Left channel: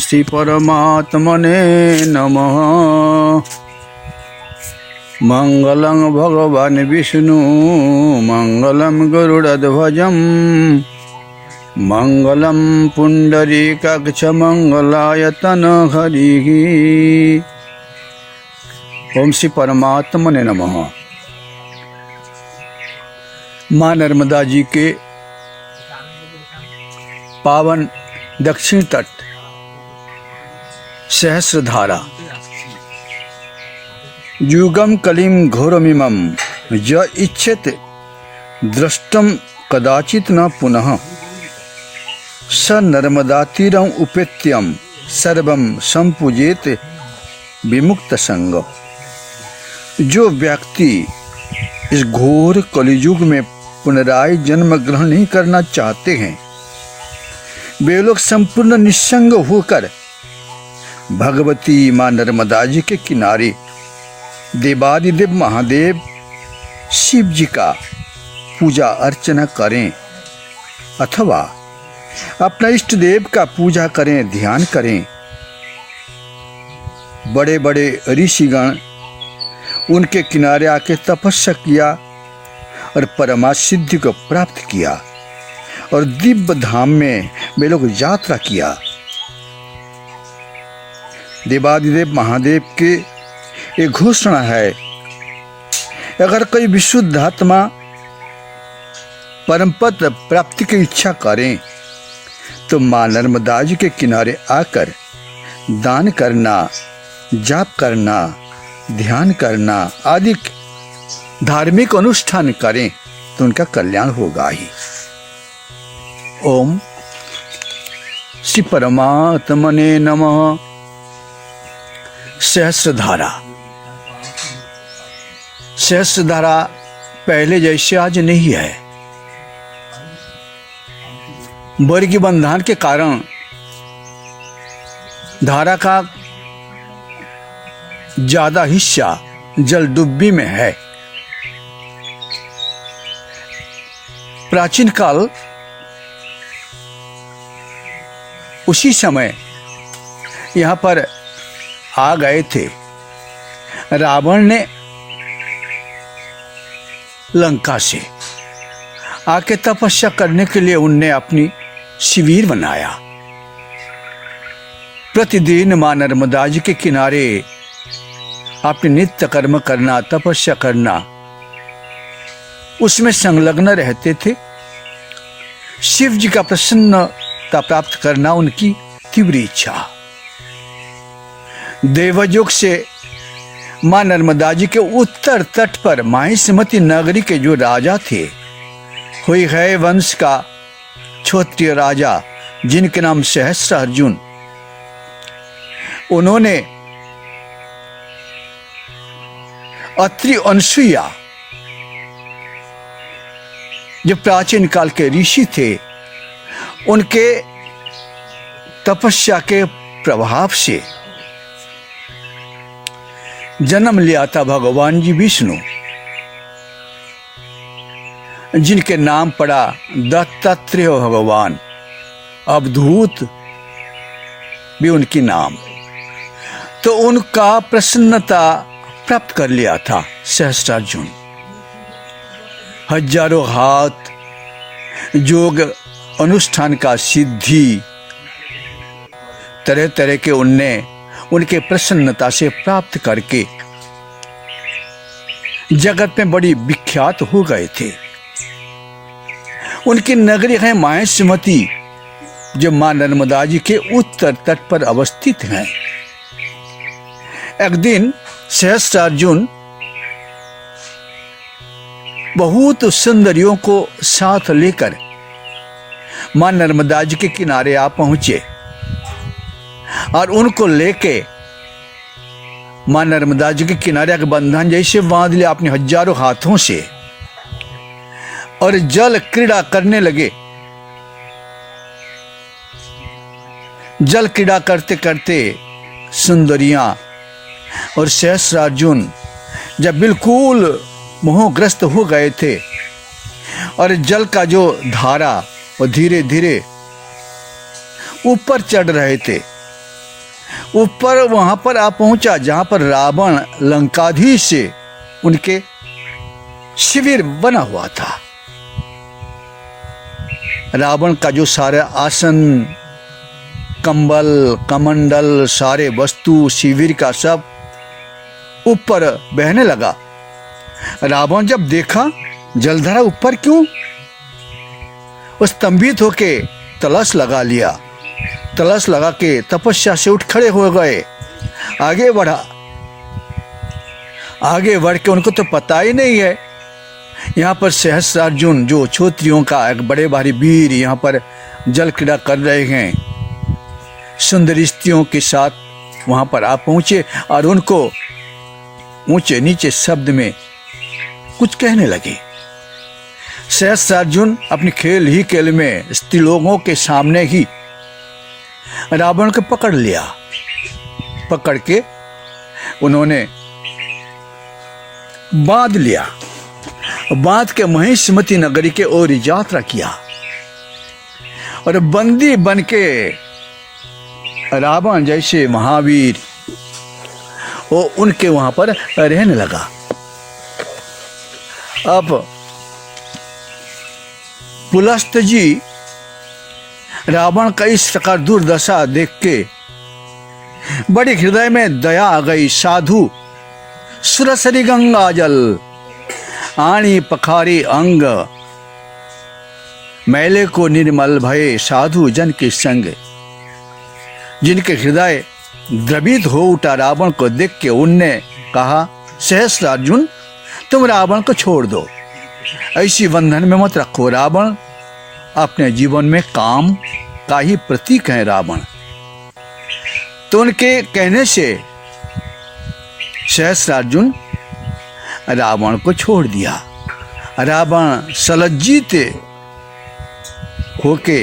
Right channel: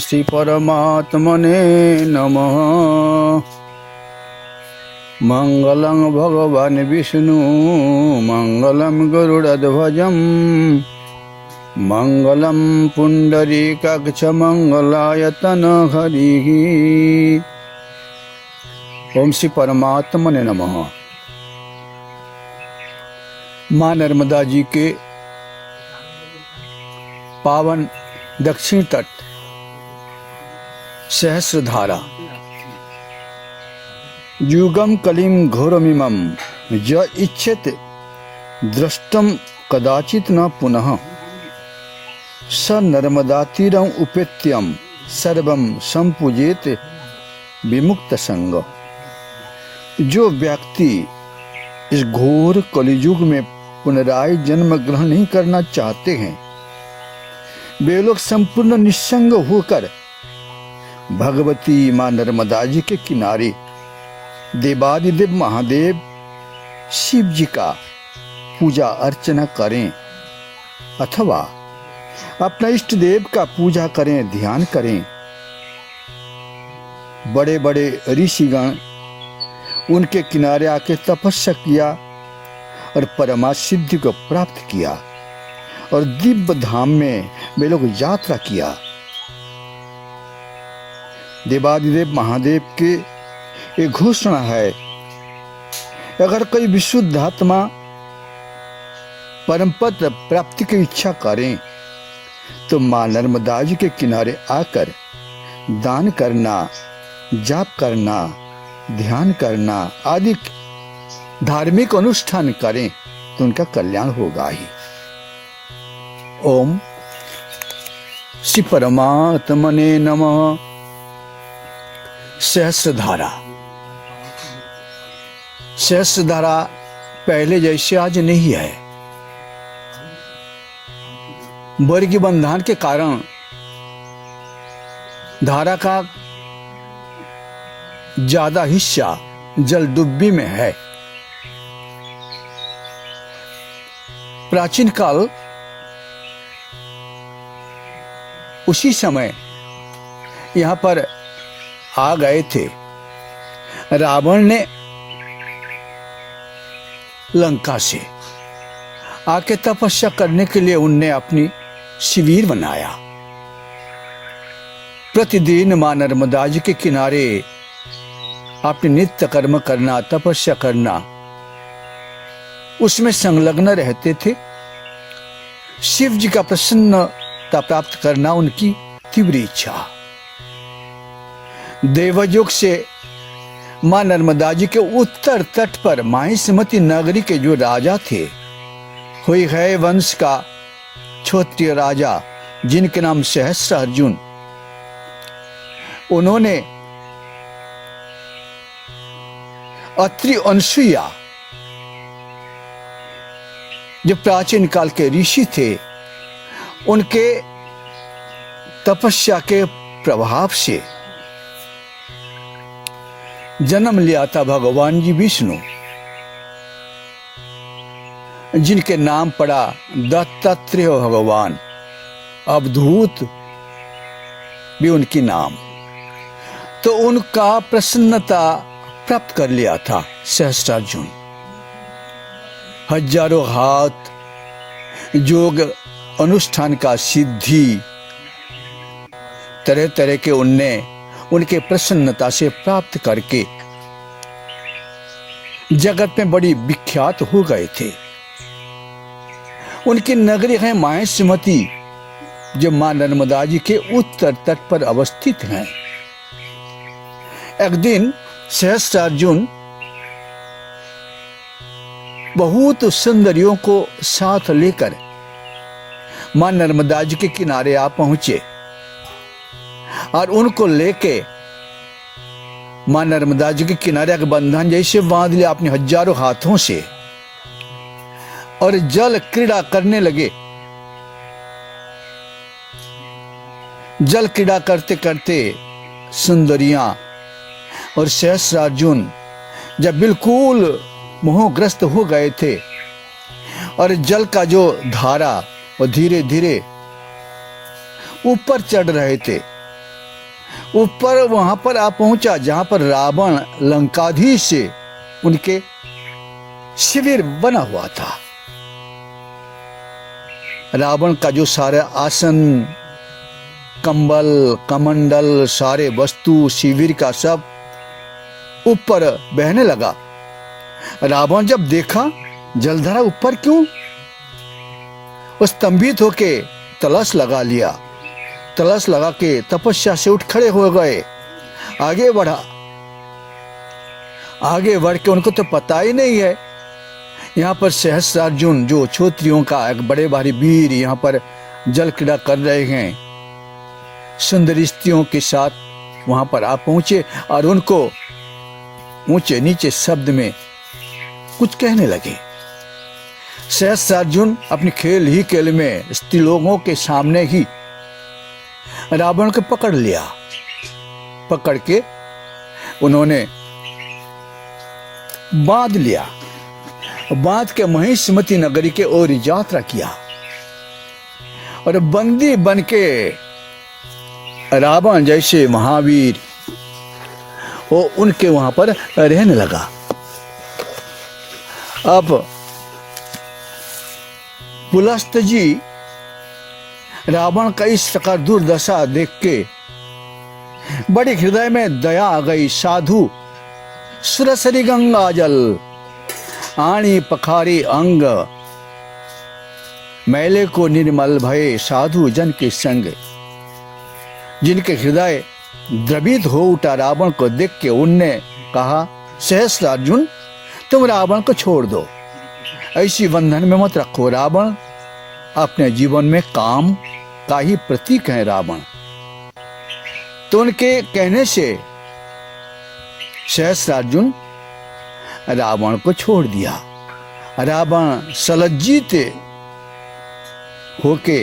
श्री परमात्मने नमः। मंगलं भगवान विष्णु मंगलं गरुड़ध्वजं मंगलं पुंडरीकाक्ष मंगलायतन हरिः। ओम श्री परमात्मने नमः। माँ नर्मदा जी के पावन दक्षिण तट सहस्रधारा युगम कलिम घोरमिमं य इच्छेत दृष्टम कदाचित न पुनः स नर्मदातीरम उपेत्यम सर्वम संपूजेत विमुक्त संग। जो व्यक्ति इस घोर कलियुग में पुनराय जन्म ग्रहण नहीं करना चाहते हैं, वे लोग संपूर्ण निस्संग होकर भगवती मां नर्मदा जी के किनारे देवादिदेव महादेव शिव जी का पूजा अर्चना करें अथवा अपना इष्ट देव का पूजा करें, ध्यान करें। बड़े बड़े ऋषिगण उनके किनारे आके तपस्या किया और परमा सिद्धि को प्राप्त किया और दिव्य धाम में वे लोग यात्रा किया। देवादिदेव महादेव के एक घोषणा है, अगर कोई विशुद्ध आत्मा परम पद प्राप्ति की इच्छा करें तो मां नर्मदा जी के किनारे आकर दान करना, जाप करना, ध्यान करना आदि धार्मिक अनुष्ठान करें तो उनका कल्याण होगा ही। ओम श्री परमात्मने नमः। सहस्रधारा पहले जैसे आज नहीं है। वर्गी बंधन के कारण धारा का ज्यादा हिस्सा जल डुब्बी में है। प्राचीन काल उसी समय यहां पर आ गए थे। रावण ने लंका से आके तपस्या करने के लिए उनने अपनी शिविर बनाया। प्रतिदिन मां नर्मदा जी के किनारे अपने नित्य कर्म करना, तपस्या करना, उसमें संलग्न रहते थे। शिव जी का प्रसन्नता प्राप्त करना उनकी तीव्र इच्छा। देवयुग से मां नर्मदा जी के उत्तर तट पर माहिष्मती नगरी के जो राजा थे, हुई है वंश का क्षत्रिय राजा जिनके नाम सहस्रार्जुन, उन्होंने अत्रि अनसुईया जो प्राचीन काल के ऋषि थे, उनके तपस्या के प्रभाव से जन्म लिया था भगवान जी विष्णु, जिनके नाम पड़ा दत्तात्रेय भगवान। अवधूत भी उनकी नाम। तो उनका प्रसन्नता प्राप्त कर लिया था सहस्रार्जुन। हजारों हाथ योग अनुष्ठान का सिद्धि तरह तरह के उनने उनके प्रसन्नता से प्राप्त करके जगत में बड़ी विख्यात हो गए थे। उनकी नगरी है माहिष्मती, जो मां नर्मदा जी के उत्तर तट पर अवस्थित है। एक दिन सहस्रार्जुन बहुत सुंदरियों को साथ लेकर मां नर्मदा जी के किनारे आ पहुंचे और उनको लेके मां नर्मदा जी के किनारे का बंधन जैसे बांध लिया अपने हजारों हाथों से और जल क्रीड़ा करने लगे। जल क्रीड़ा करते करते सुंदरियां और सहस्रार्जुन जब बिल्कुल मोहग्रस्त हो गए थे और जल का जो धारा वो धीरे धीरे ऊपर चढ़ रहे थे, ऊपर वहां पर आ पहुंचा जहां पर रावण लंकाधीश से उनके शिविर बना हुआ था। रावण का जो सारा आसन, कंबल, कमंडल, सारे वस्तु शिविर का सब ऊपर बहने लगा। रावण जब देखा जलधारा ऊपर क्यों, वो स्तंभित होके तलस लगा लिया। तलस लगा के तपस्या से उठ खड़े हो गए, आगे बढ़ा। आगे बढ़ के उनको तो पता ही नहीं है यहाँ पर सहस्त्रार्जुन जो क्षत्रियों का एक बड़े भारी वीर यहाँ पर जल क्रीड़ा कर रहे हैं। सुंदर स्त्रियों के साथ वहां पर आ पहुंचे और उनको ऊंचे नीचे शब्द में कुछ कहने लगे। सहस्त्रार्जुन अपने खेल ही खेल में स्त्रीलोगों के सामने ही रावण को पकड़ लिया। पकड़ के उन्होंने बांध लिया। बांध के महिष्मती नगरी के ओर यात्रा किया और बंदी बन के रावण जैसे महावीर वो उनके वहां पर रहने लगा। अब पुलस्त जी रावण का इस प्रकार दुर्दशा देख के बड़े हृदय में दया आ गई। साधु सुरसरी गंगा जल आणी पखारी अंग, मैले को निर्मल भये साधु जन के संग। जिनके हृदय द्रवित हो उठा रावण को देख के उनने कहा, सहस्त्रार्जुन तुम रावण को छोड़ दो, ऐसी बंधन में मत रखो। रावण अपने जीवन में काम का ही प्रतीक है रावण। तो उनके कहने से सहस्त्रार्जुन रावण को छोड़ दिया। रावण सलज्जित होके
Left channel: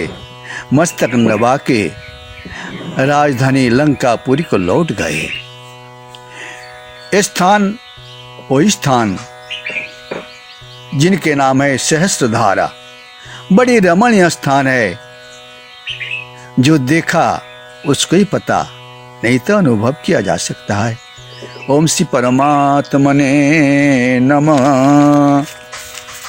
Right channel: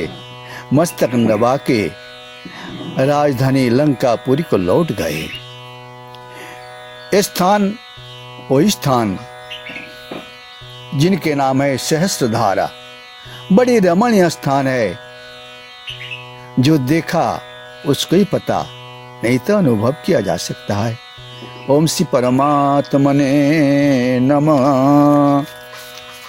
मस्तक नवा के राजधानी लंकापुरी को लौट गए। स्थान वही स्थान जिनके नाम है सहस्त्रधारा, बड़ी रमणीय स्थान है। जो देखा उसको ही पता, नहीं तो अनुभव किया जा सकता है। ओम श्री परमात्मने नमः।